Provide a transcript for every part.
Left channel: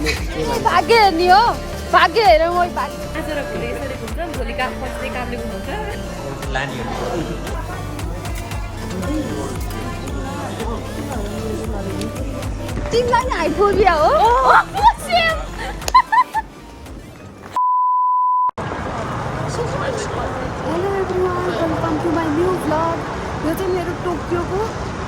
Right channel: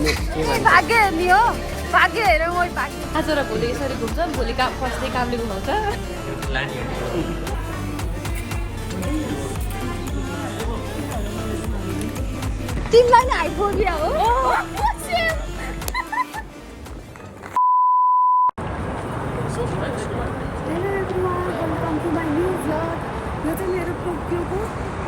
भाग्य हेर्ने हो भाग्य हेरेर म भाग्य आज र भोलि यसरी घुम्छ भोलि काम पर्सि कामले घुमाउँछ तिमीलाई नि हाइफोबिया हो hello everyone welcome to my new vlog यो चाहिँ मेरो टोकियोको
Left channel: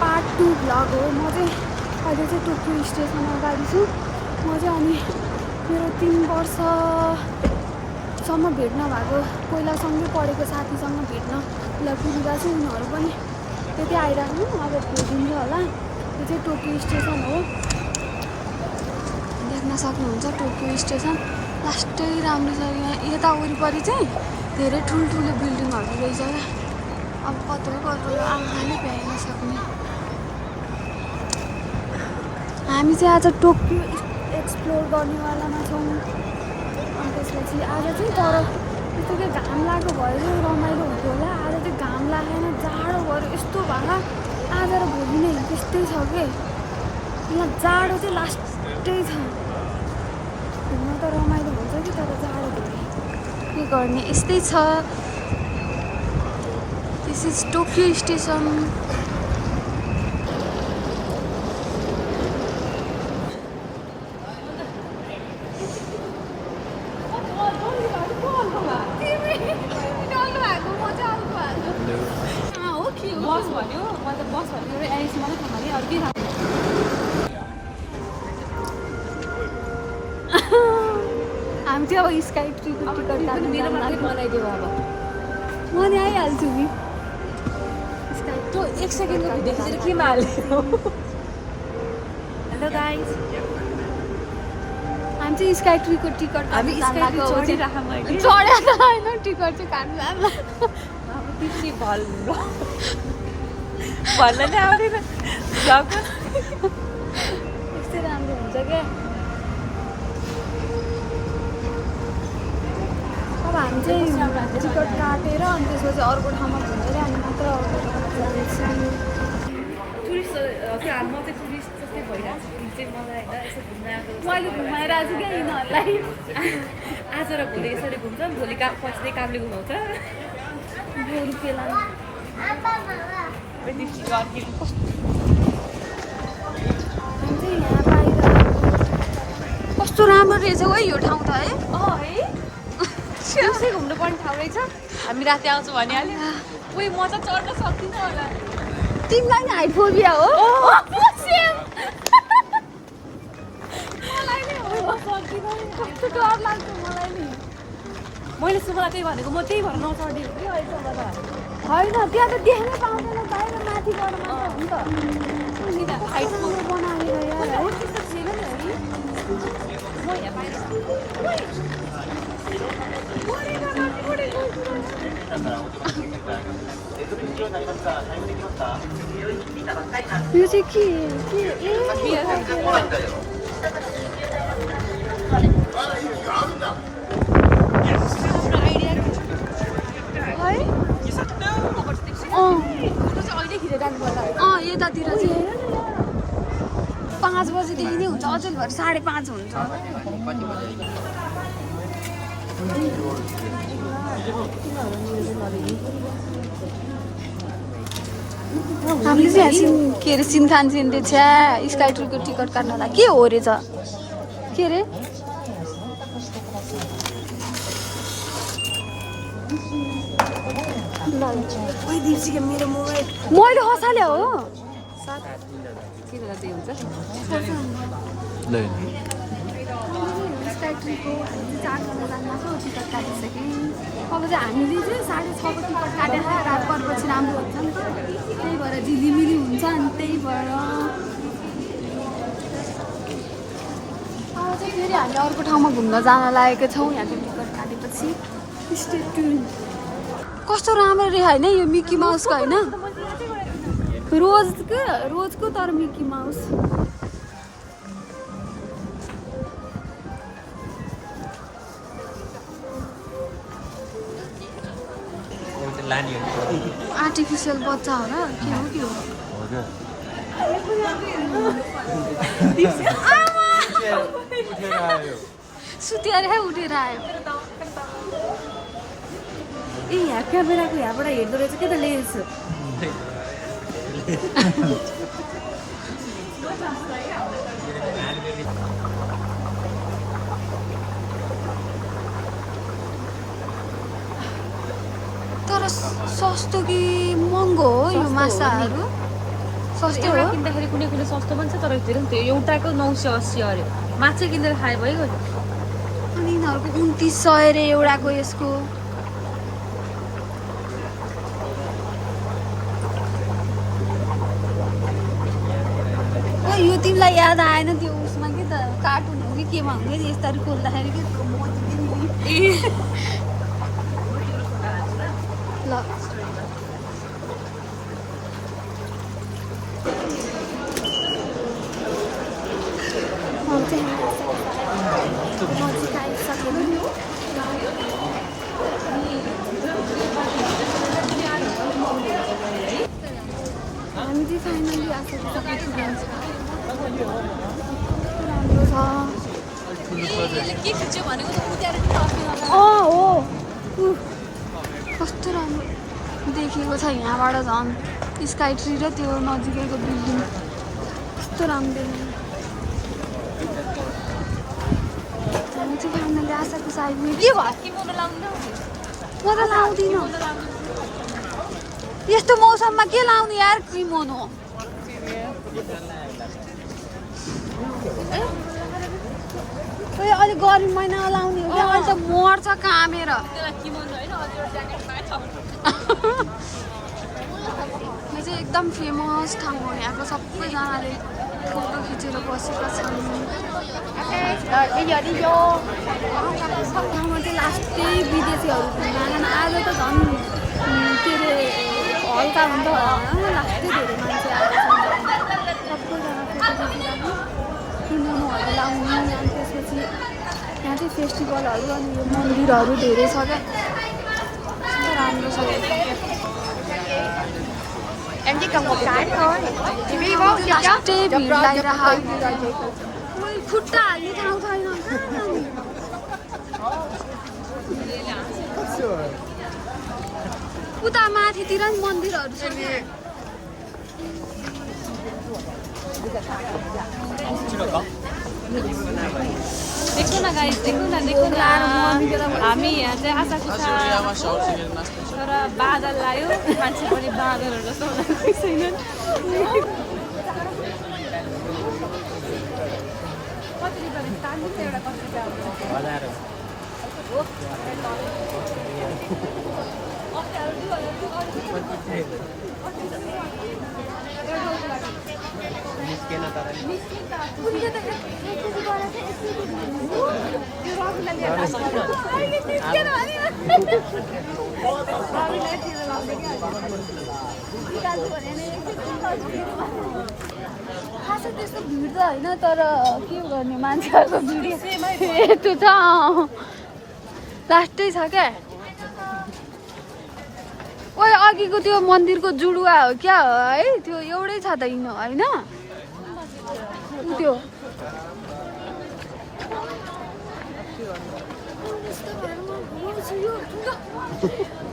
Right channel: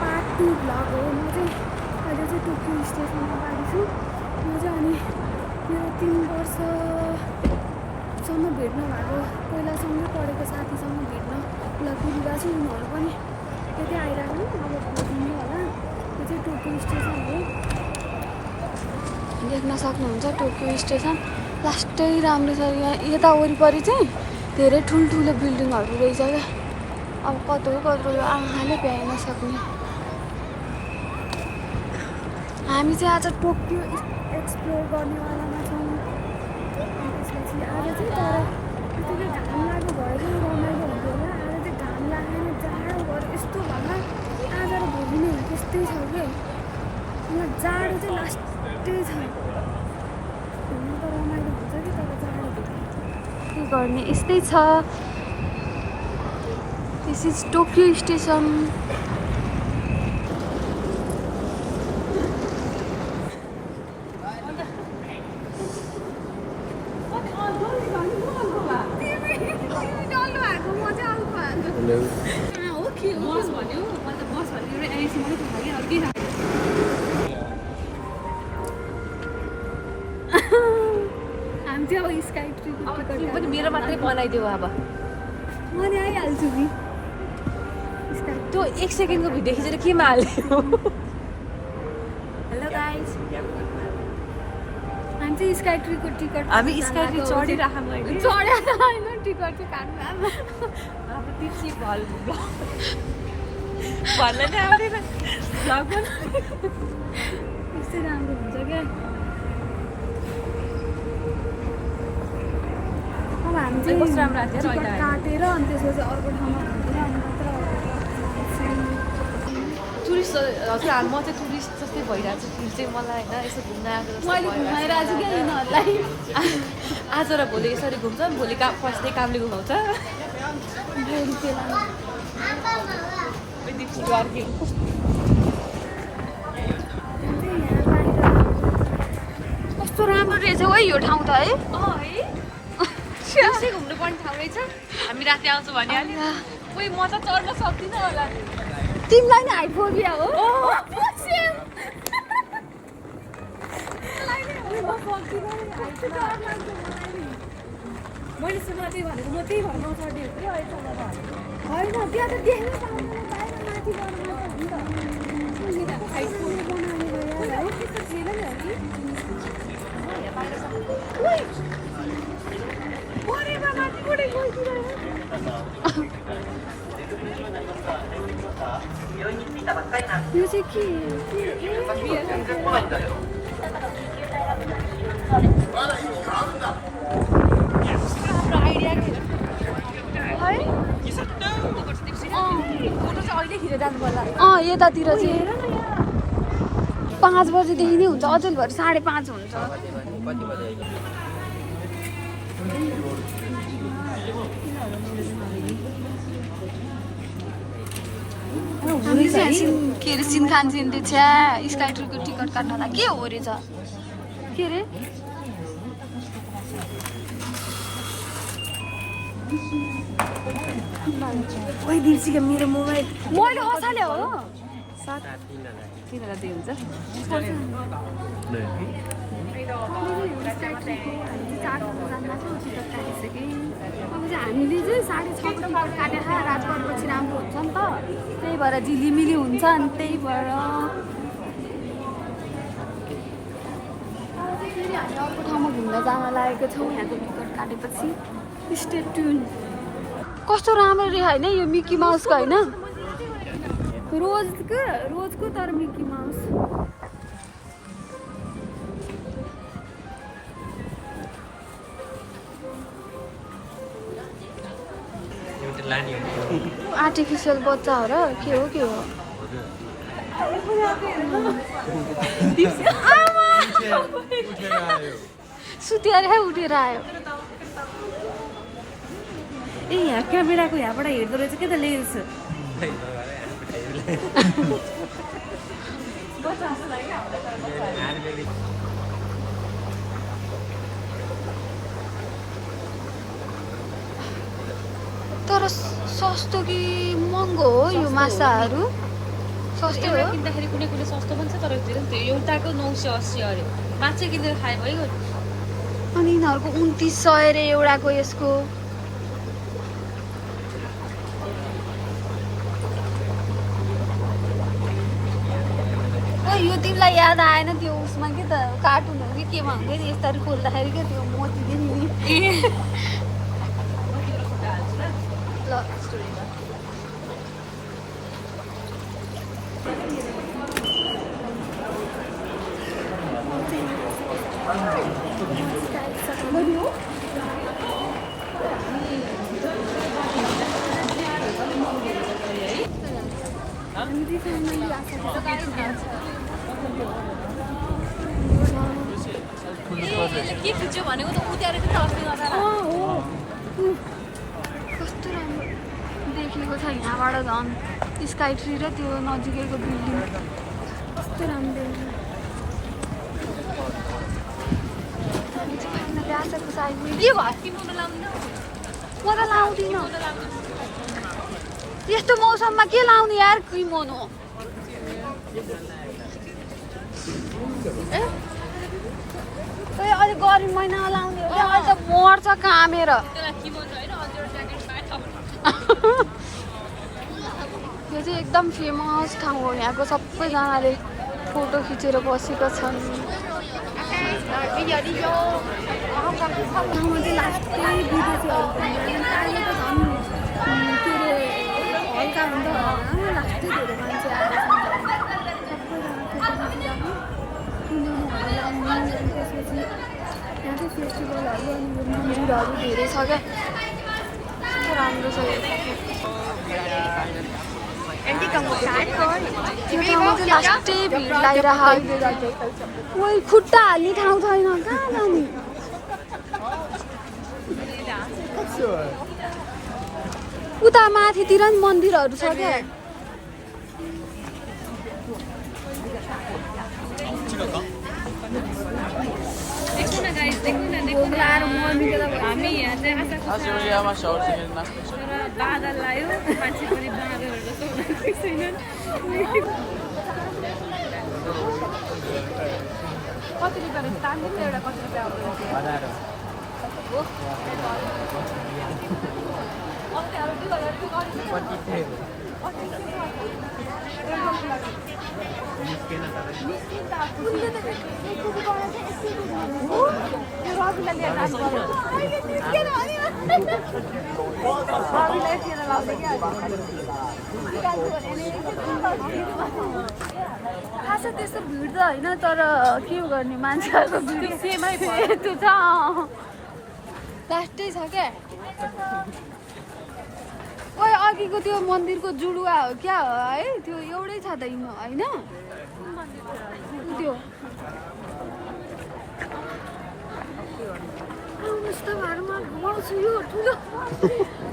पार्ट 2 भ्लग हो म चाहिँ अहिले चाहिँ टोकियो स्टेसन अगाडि छु म चाहिँ अनि मेरो 3 वर्षसम्म भेट नभएको पहिलासँगै पढेको साथीसँग भेट्न पुगिरहेको छु उनीहरू पनि त्यति आइरहनु अब भेटिन्छ होला यो चाहिँ टोकियो स्टेसन हो देख्न सक्नुहुन्छ टोकियो स्टेसन लास्टै राम्रो छ यहाँ यता वरिपरि चाहिँ धेरै ठुल्ठुलो बिल्डिङहरू रहेछ क्या अब कत्रो आँखाले भ्याइन सक्ने हामी चाहिँ आज टोकियो एक्सप्लोर गर्नेवालामा छौँ अनि त्यसपछि आज चाहिँ तर त्यतिकै घाम लागेको भए चाहिँ रमाइलो हुन्थ्यो होला आज चाहिँ घाम लागेन जाडो भयो यस्तो भए आज र भोलि नै त्यस्तै छ कि यहाँ जाडो चाहिँ लास्टै छ घुम्न त रमाइलो हुन्छ कि तर जाडो भयो के गर्ने यस्तै छ दिस इज टोकियो स्टेसन हामी चाहिँ अब स्काई ट्रीको टिकट मेरो मात्रै बनाइदियो अब म नि आइहाल्छु नि स्काई त्यो 1 सेकेन्डको भिडियो खिचेर किन हाल्यो हेलो गाइस हामी चाहिँ स्काई ट्रीको टिकट हामी स्काई ट्री चढिराखौँ अहिले चढेर हैन टिकट चाहिँ काट्नु अब तिमी भल भल्लै आउँदैन जब कस्तो राम्रो हुन्छ क्या अब हामी चाहिँ टिकट काटेर अनि त्यसपछि अर्को ठाउँमा घुमेर अनि मात्र अर्को टुरिस्ट म चाहिँ टुरिस्ट जस्तै भइरहेको छु फिल चाहिँ मलाई होइन यसो घुम्न आएको मैले घुमाइरहेको छु क्या यिनीहरूलाई आज र भोलि यसरी घुम्छ भोलि काम पर्सि कामले घुमाउँछ गोरु पेला कस्तो राम्रो रहेछ है यो ठाउँ त है घुम्नुपर्ने ठाउँ रहेछ हामी राति आउँछौँ भने उही म त चढ्न सक्दिनँ होला तिमीलाई नि हाइफोबिया हो मलाई नि कस्तो डर लाग्छ मलाई नि मैले सुरुमा त्यही भनेको म त्यही भएर नचढ्ने हो कि अहिलेसम्म त होइन त्यहाँ त देख्नै पाउँदैन बाहिर माथि गएर मात्र हो नि त बनाएर यार है त्यस्तो छैन नि है यो चाहिँ के यतातिर चाहिँ 5 बजेदेखि नै हुन्छ अझै भएर 5:30 हुन्छ हामी चाहिँ केरोसिन खान्छौँ त्यो छ्या स्काई ट्रीको टिकट काट्नलाई के हो रहेछ के अरे मैले हँसाले हो स्काई ट्रीको हामी चाहिँ 4 जना जान्नको टिकट काटिसक्यौँ अब चाहिँ हामीले चाहिँ 6:30को टिकट काटेर रात परेपछि राम्रो हुन्छ नि त त्यही भएर झिलिमिली हुन्छ अनि त्यही भएर फेरि हामीले अर्को ठाउँमा घुम्न जान लागेको छौँ यहाँको टिकट काटेपछि स्टे ट्युन कस्तो राम्रो रे होइन यो मिकी माउसको होइन रोजको तर मिकी माउस आर्टिफिसियल बच्चा हो र के हो सुत्यो अरे उठेर आयो ए यहाँ क्यामेराको यहाँबाट हेर्दो रहेछ के त लेखेको छ तर सस्तो कि महँगो हो यो माछाहरू सस्तो हो किन्दाखेरि कुनै कुनै सस्तो पनि छ तर धेरै त्यो एउटाको 980 अरे माछा किनेर खाए भइगयो अनि यिनीहरूको 2900 अरे एउटाको यसको यो तिमीलाई याद आएन त्यो उसमा के त कार्टुन हो कि केमा हुन्थ्यो नि यस्तरी खोल्दाखेरि के त्यो मोती ल हामी चाहिँ फाइनली आशाको एक्सपिरियन्स हो कस्तो राम्रो देखेको छ यहाँबाट झन् स्काई ट्री र त्यो नजिकैको बिल्डिङ कस्तो राम्रो हामी चाहिँ फाइनली आशाको साइडमा के भयो म त लाउँदिनँ यस्तो मौसममा के लाउने यार किमोनो अलिक गर्मी महिना लाउने हो क्या अहिले त मर्छ कामेर यो चाहिँ एकदम फेमस ठाउँ हो यहाँको सबैजनाले फोटो खिचेर बसेका छन् ठाउँमा चाहिँ लास्टै विदेशीहरू पनि आएन आज त झन् के अरे हल्का हुन्छ होला लास्टै धेरै मान्छे आएको छन् सबैजना फोटो खिचिराख्नु किमोनोहरू लाउने अनि त्यसपछि यहाँ चाहिँ फेस्टिभलहरू अनि यो मन्दिरहरू धेरै छ क्या राम्रो छ यो त्यो ठाउँमा चाहिँ लास्टै भिड लगाइरहेको खुट्टा हाल्ने ठाउँ छैन कहाँ लाने उता माथितिर नि मन्दिरहरू छ क्या देखो न गाइस देखो न हामी यहाँ चाहिँ आशा कुसाको तर बादल लायो मान्छे पनि बादलहरू जस्तो हुन छैनन् कति रुपियाँ खासै त्यस्तो भिड त होइन तर के गर्ने मान्छेहरूको भिड त्यो छ लास्टै छ क्या ओइ अघिको त्यो मन्दिरको जुडुवा हो क्या है त्यो एउटै छ त यिनीहरू होइन त्यो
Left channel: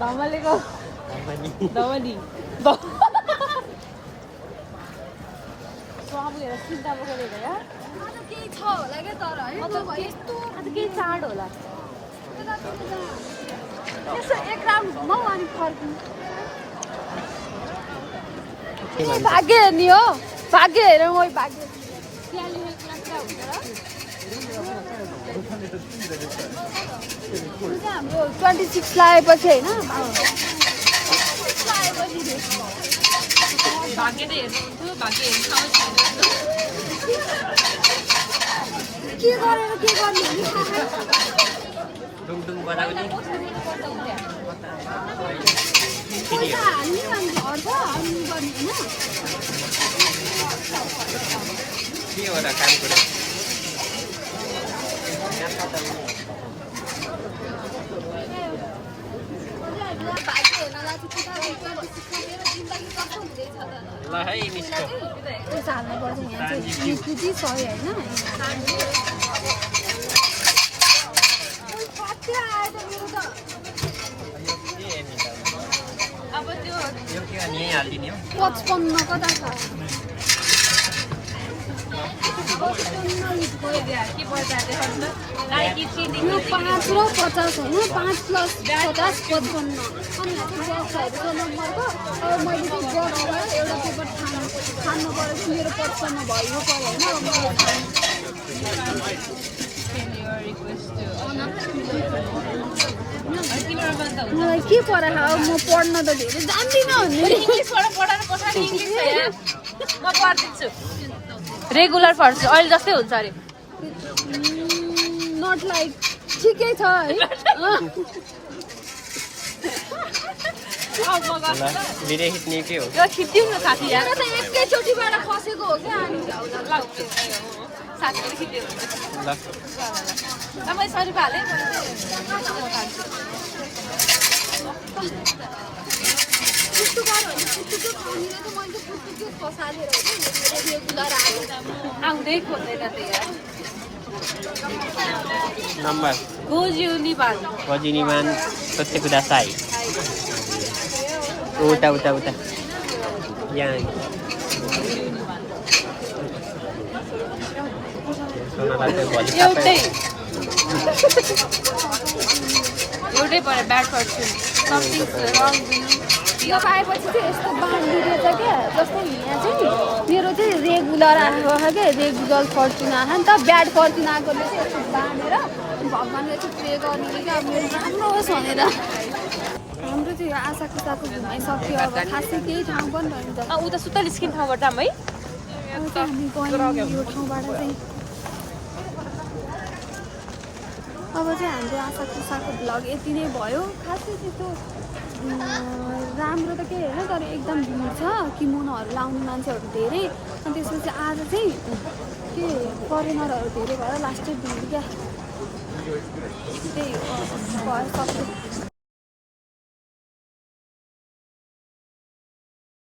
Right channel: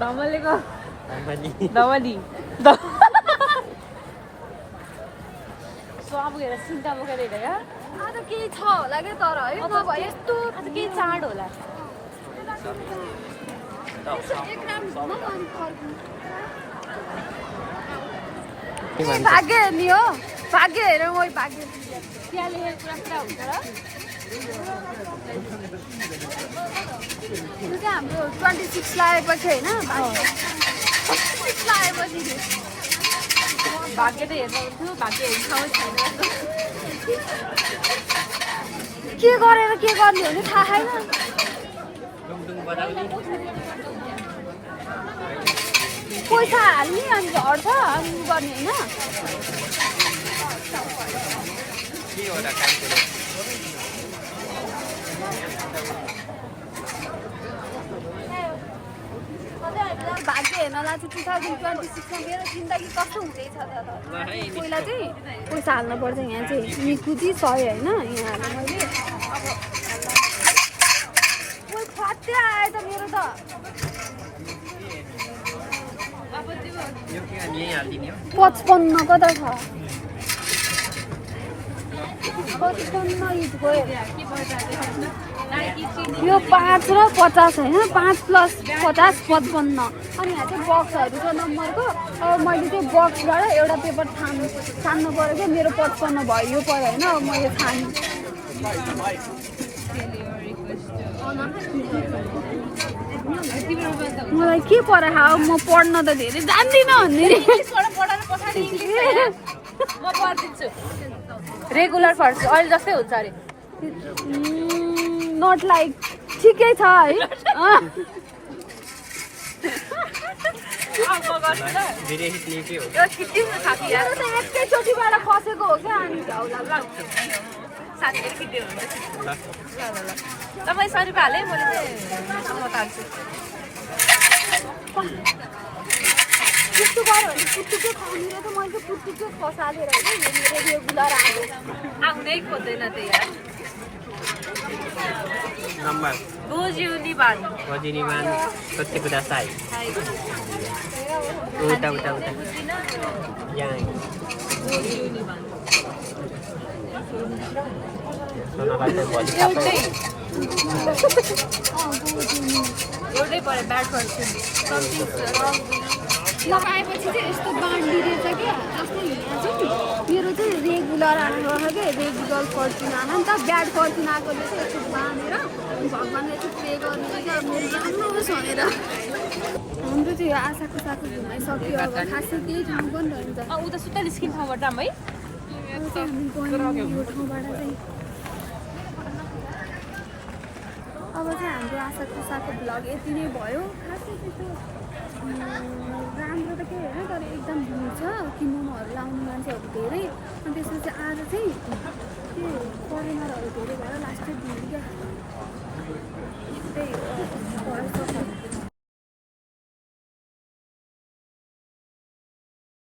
धमलेको धमली आज केही छ होला क्या तर है नभए यस्तो केही चाड होला एक राउन्ड घुमाउ अनि फर्किनु भाग्य हेर्ने हो भाग्य हेऱ्यो मै भाग्य त्यो चाहिँ हाम्रो 26 लगाएपछि होइन 26 लगाएपछि के गरेर के गर्ने हो नि थाहा छैन पैसा हाल्ने अनि झर्छ अनि गर्ने होइन भाग्य हेर्नलाई चाहिँ 2026मा मेरो जिन्दगी कस्तो हुँदैछ त पहिला चाहिँ पैसा हाल्नुपर्छ यहाँ चाहिँ 100 होइन 55 कता छ यो 5 र 50 होइन 5 प्लस 50 55 अनि यहाँ चाहिँ बक्सहरू छ नम्बरको अब मैले चाहिँ बक्सबाट एउटा पेपर छान्नु पऱ्यो क्या मेरो 55 भयो यो पऱ्यो होइन अब मैले छान्नु मलाई के पढाएको अब म पढ्न त धेरै जान्दिनँ भन्ने रेगुलर पढ्छु अहिले जस्तै हुन्छ अरे नट लाइक ठिकै छ है मेरो त एकैचोटिबाट खसेको हो क्या तपाईँ सरी हाले मैले चाहिँ त्यस्तो गऱ्यो भने पुच्चुको खानेले त मैले पुच्चुको खसालेर रेगुलर आउँदै खोज्दैन त्यो यार Nomor Gojuniban. Gojuniban pasti kudasai. Uta. Yan. एउटै पऱ्यो ब्याड पर्छु नि समथिङ रङ लगाएपछि चाहिँ यस्तो बाँडिदिएको छ क्या जस्तो यहाँ चाहिँ मेरो चाहिँ रेगुलर आएको छ क्या रेगुलर फर्चुन आएन नि त ब्याड फर्चुन आएकोले चाहिँ यस्तो बाँधेर भगवान्लाई चाहिँ प्रे गर्ने क्या राम्रो होस् भनेर हाम्रो चाहिँ यो आशा कुसाको घुमाइसक्यो अब खासै केही ठाउँ पनि रहन्छ उता सुत्ता निस्किने ठाउँबाट जाऊँ है अब चाहिँ हामी गयौँ यो ठाउँबाट चाहिँ अब चाहिँ हाम्रो आशा कुसाको भ्लग यति नै भयो खासै त्यस्तो राम्रो त केही होइन तर एकदम भिड छ किमोनोहरू लाउने मान्छेहरू धेरै अनि त्यसपछि आज चाहिँ के फरेनरहरू धेरै भएर लास्टै भिड क्या त्यही हो भयो सक्यो